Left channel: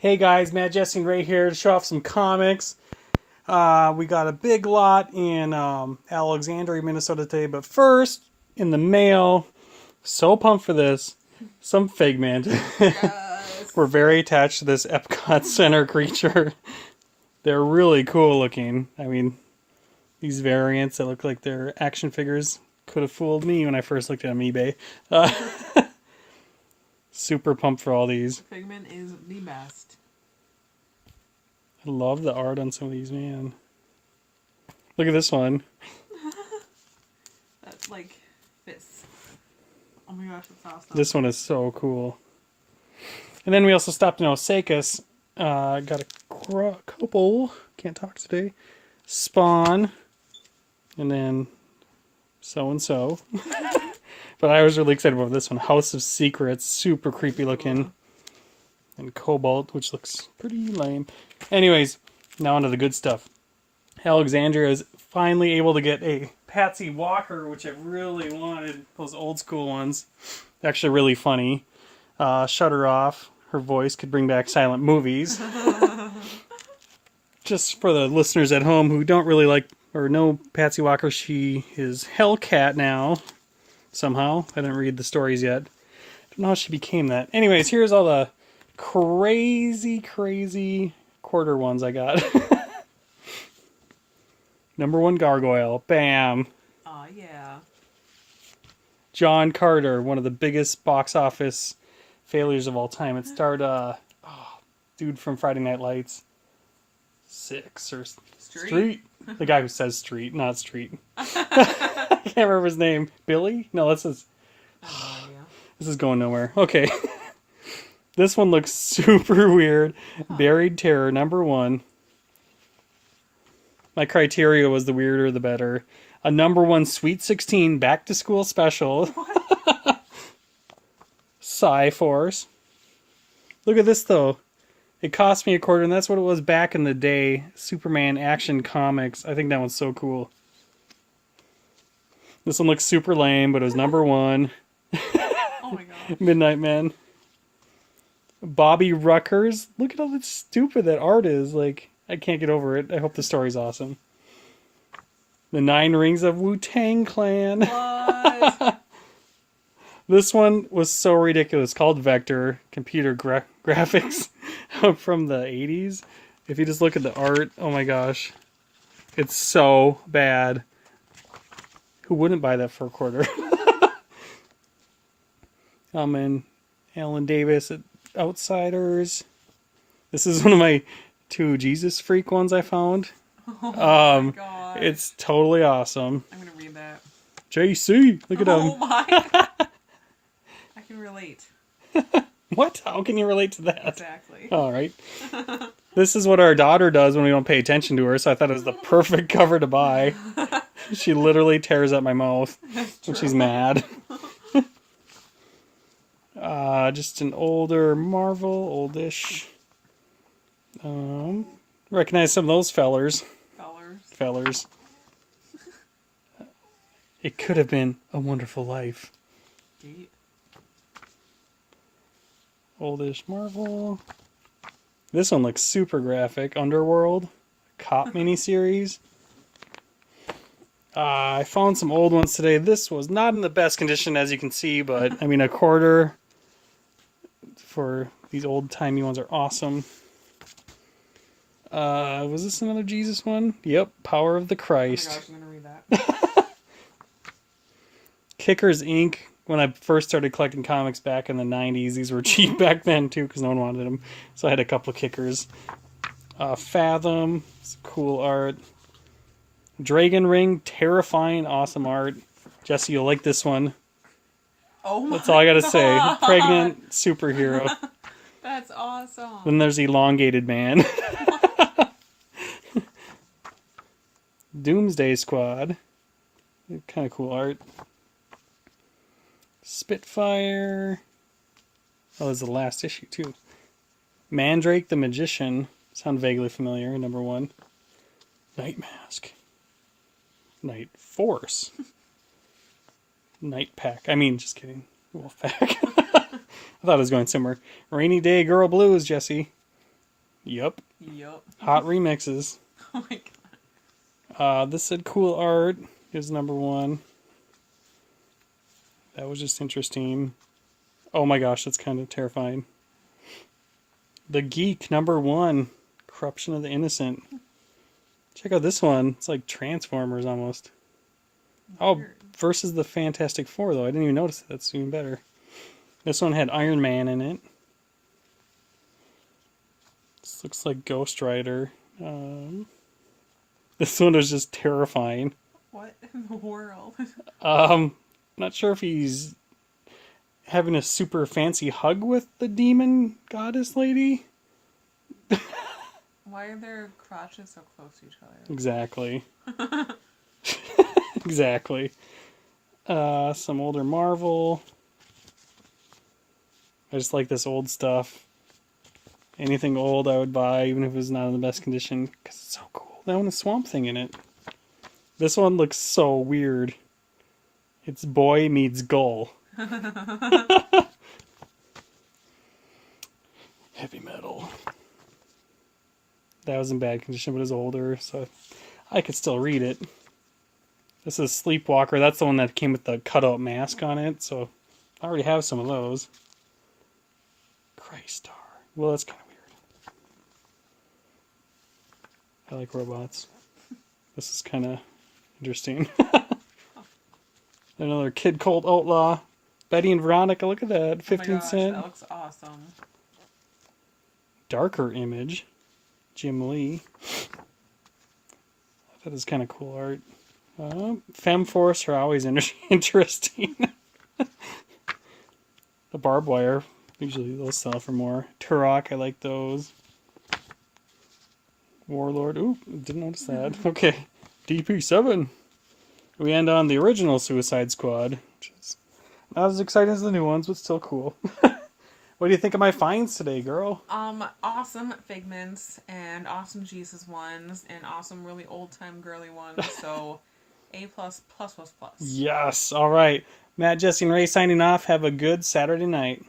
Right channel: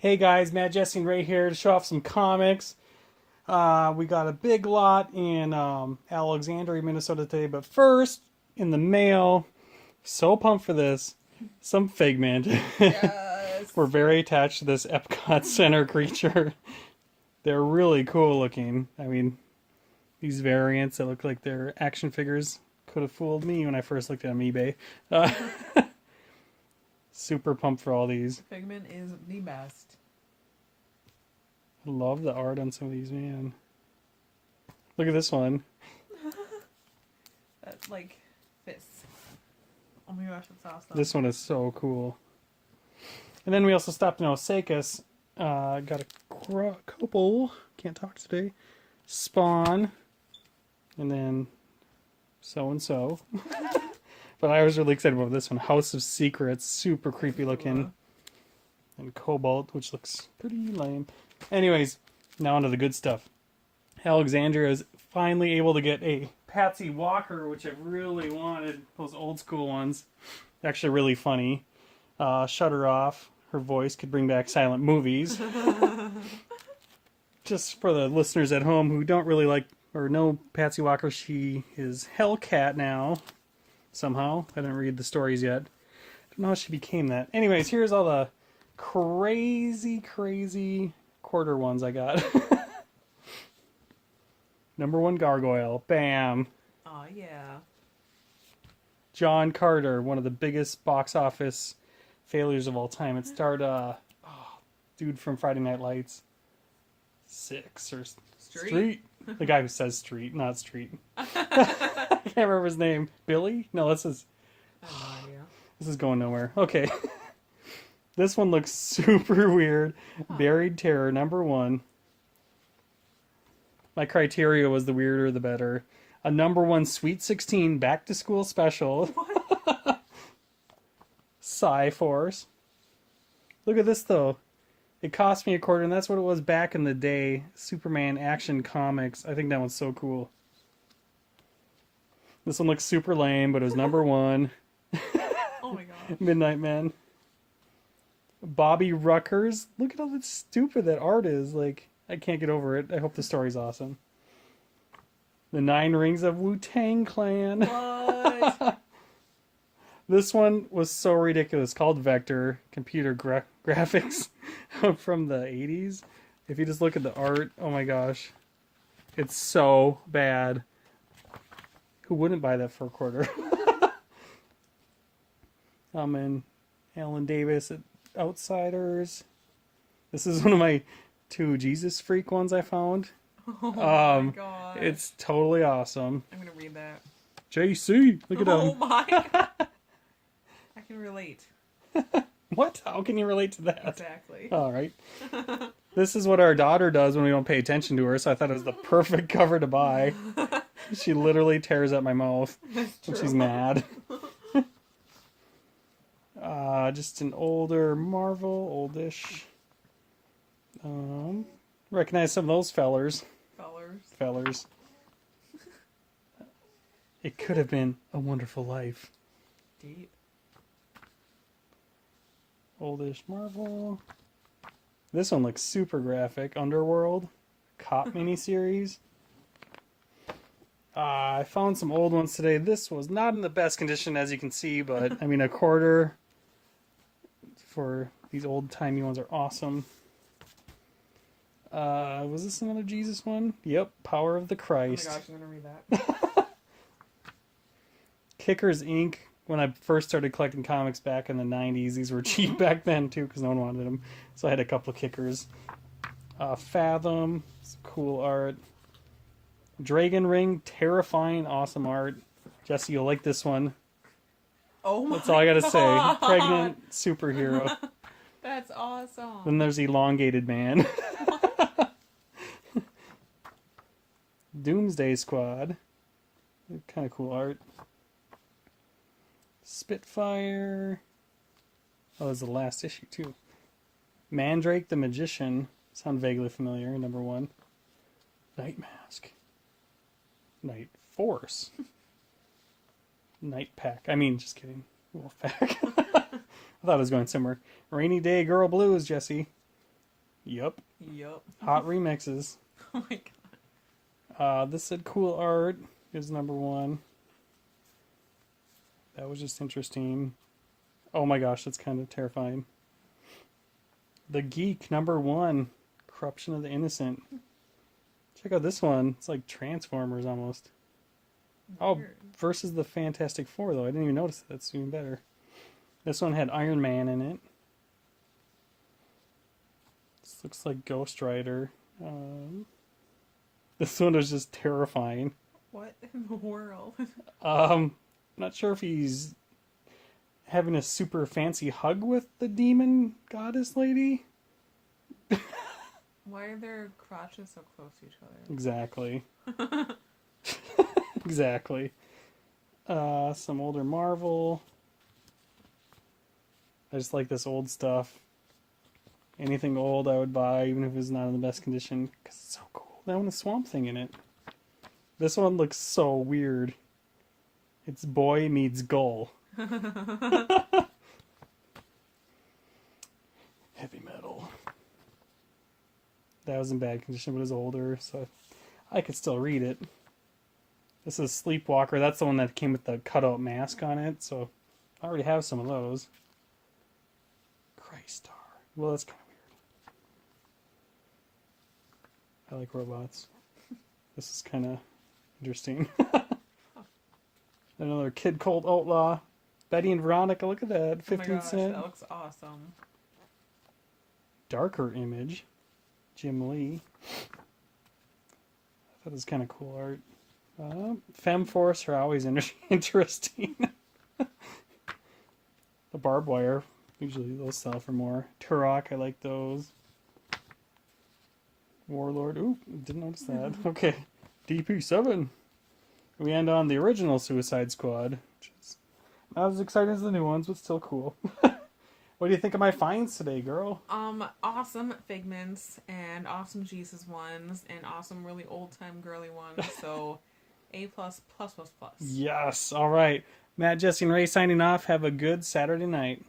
Hey guys, Matt, Jesse, and Ray here to show off some comics. We got a big lot in Alexandria, Minnesota today, but first, in the mail, so pumped for this, some Figment. Yes. We're very attached to this Epcot Center creature. They're really cool looking. I mean, these variants that look like they're action figures could have fooled me when I first looked at them on eBay. Super pumped for all these. Figment is the best. I love the art on some of these, man. Look at this one. That's like this. Oh my gosh, it's awesome. This one is so cool. And then we also stopped in Osakis. Got a couple. Can't talk today. Spawn. And then so-and-so. But I was really excited about this one. House of Secrets. Super creepy looking. And Cobalt, which looks pretty lame. Anyways, now onto the good stuff. Alexandria is finally able to get a Patsy Walker, which I really wanted. Those old school ones. Actually really funny. Shut her off. Her voice could bring back silent movies. Just for the listeners at home who don't really like or know Patsy Walker, she is Hellcat now. Somehow. I didn't read the stories yet. Don't know how she became that. Anyways, here's all the crazy quarter ones I got. Number 1 Gargoyle. Bam. Oh, yeah. John Carter, one of the biggest box office failures of all time. It starred dude from Friday Night Lights. Street. The guy who says street, not street. I can't remember his name. Billy? No, this is this is going nowhere. Okay. This one looks super weird. Buried Terror, number 1. My criteria was the weirder the better. A number 1 Sweet 16 back to school special. Psy-Force. Look at this though. It cost me $0.25, and that's what it was back in the day. Superman Action Comics. I think that one's so cool. This one looks super lame, but it was number 1. Oh my god. Midnight Man. Bobby Ruckers. Look at how stupid that art is. Like, I can't get over it. I hope the story's awesome. The 9 Rings of Wu-Tang Clan. What? This one was so ridiculous. Called Vector. Computer graphics from the 80s. If you just look at the art, oh my gosh. It's so bad. Who wouldn't buy that for $0.25? And Alan Davis at Outsiders. This is one of my 2 Jesus Freak ones I found. Oh my god. It's totally awesome. I'm gonna read that. JC, look at him. Oh my. I can relate. What? How can you relate to that? Exactly. All right. This is what our daughter does when we don't pay attention to her, so I thought it was the perfect cover to buy. She literally tears up my mouth when she's mad. Just an older Marvel, oldish. Recognize some of those fellers. Fellers. It could have been a wonderful life. Deep. Oldish Marvel. This one looks super graphic. Underworld. Cop miniseries. I found some old ones today. This was not in the best condition, as you can see, but I mean, $0.25 for these old-timey ones are awesome. Was this another Jesus one? Yep, Power of the Christ. Oh my gosh, I'm gonna read that. Kickers Inc. When I first started collecting comics back in the 90s, these were cheap back then too because no one wanted them. So I had a couple of Kickers. Fathom, some cool art. Dragon Ring, terrifying, awesome art. Jesse, you'll like this one. Oh my That's all I gotta god. say. Pregnant superhero. That's awesome. Then there's Elongated Man. Doomsday Squad. Kind of cool art. Spitfire. Oh, there's the last issue, too. Mandrake the Magician. Sound vaguely familiar, number 1. Night Mask. Night Force. Night Pack. I mean, just kidding. Wolfpack. I thought it was going somewhere. Rainy Day Girl Blues, Jesse. Yep. Yup. Hot remixes. Oh my god. This said cool art is number 1. That was just interesting. Oh my gosh, that's kind of terrifying. The Geek number 1. Corruption of the Innocent. Check out this one. It's like Transformers almost. Oh, Weird. versus the Fantastic Four though. I didn't even notice it. That's even better. This one had Iron Man in it. This looks like Ghost Rider. This one is just terrifying. What in the world? Not sure if he's having a super fancy hug with the demon goddess lady. Why are their crotches so close to each other? Exactly. Exactly. Some older Marvel. I just like this old stuff. Anything old I would buy, even if it was not in the best condition, because it's so cool. That one has Swamp Thing in it. This one looks so weird. It's Boy Meets Gull. Heavy metal. That was in bad condition, but it's older, so I could still read it. This is Sleepwalker. That's the one that came with the cutout mask on it, so I already have some of those. Christ Star. Well, that's kind of weird. I like robots. This is kind of interesting. Another Kid Colt Outlaw. Betty and Veronica, look at that. 15 oh my gosh, cent. That looks awesome. Darker Image. Jim Lee. That is kind of cool art. Femforce are always interesting. The barbed wire. Usually those sell for more. Turok, I like those. Warlord. Ooh, didn't notice that. Okay. DP7. We end on the original Suicide Squad, which is not as exciting as the new ones, but still cool. What do you think of my finds today, girl? Awesome Figments and awesome Jesus ones and awesome really old time girly ones. So A+++++. Yes. All right. Matt, Jesse, and Ray signing off. Have a good Saturday night.